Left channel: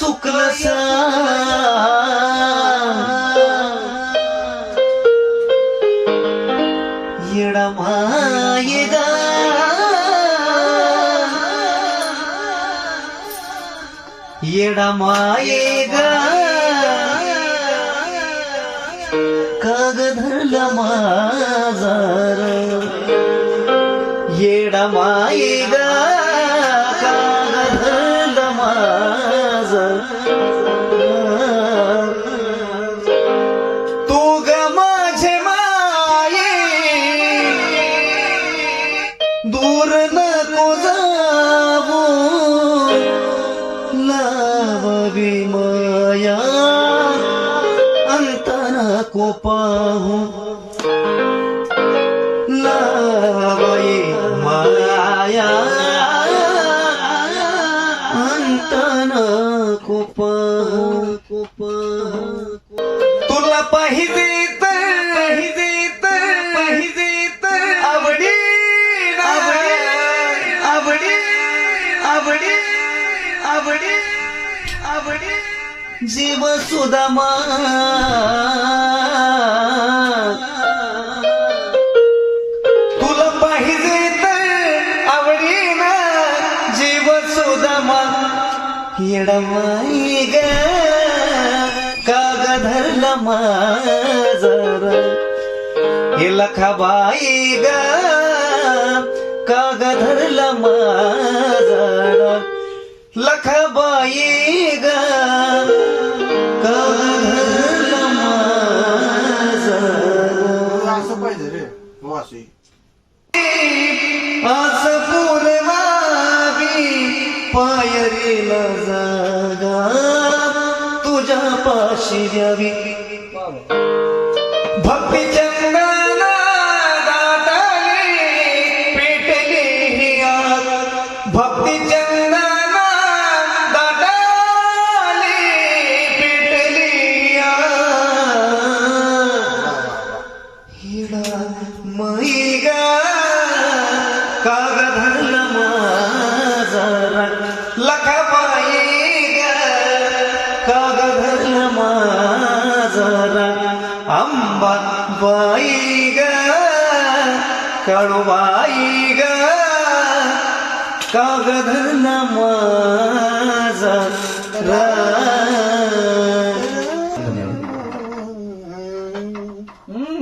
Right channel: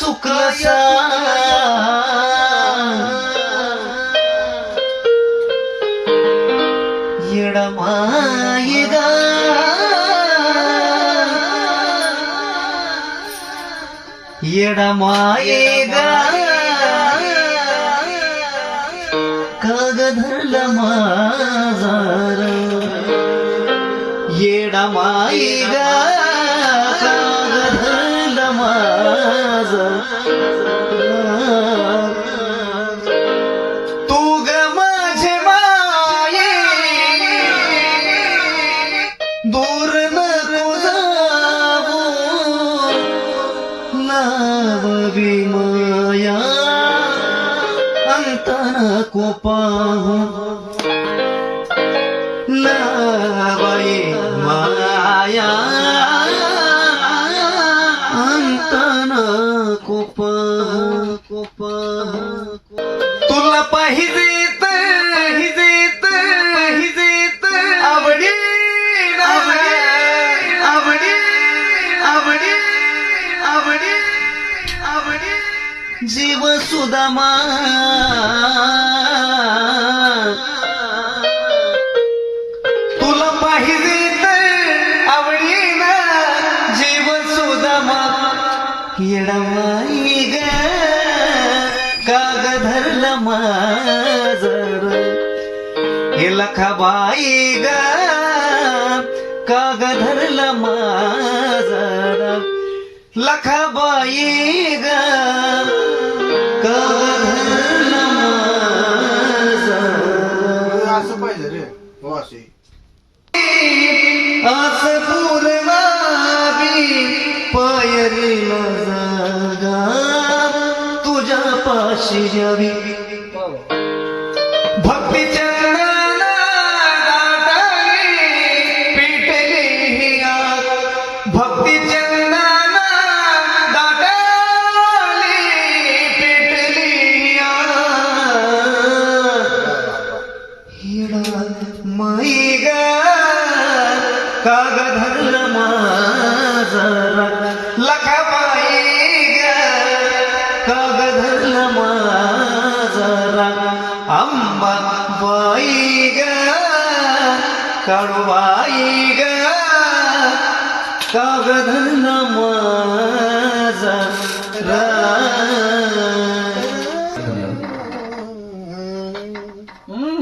चुकलं येडा माये गा येडा माये गा काग धरला माझार येडा माये लावावी माया अंत नको पाहू लावाई माया अंत नको पाहू तुला पाहिजे पाहिजे पाहिजे आवडी आवडी आवडी आवडी आवडी आवडी जीव सुदामा तुला पाहिजे तर आवडीना जीव सुदामा येडमाई ग काग धरला माझर हे लखाबाई ग काग धरला माझर लखाबाई ग असं पाहिजे रे पूर्वावी पायरीला जागा तुझ्या पाशी यावी. भक्ती हिडा मैग काग धरलं माझरा लखाबाई ग काग धरलं माझरा अंबा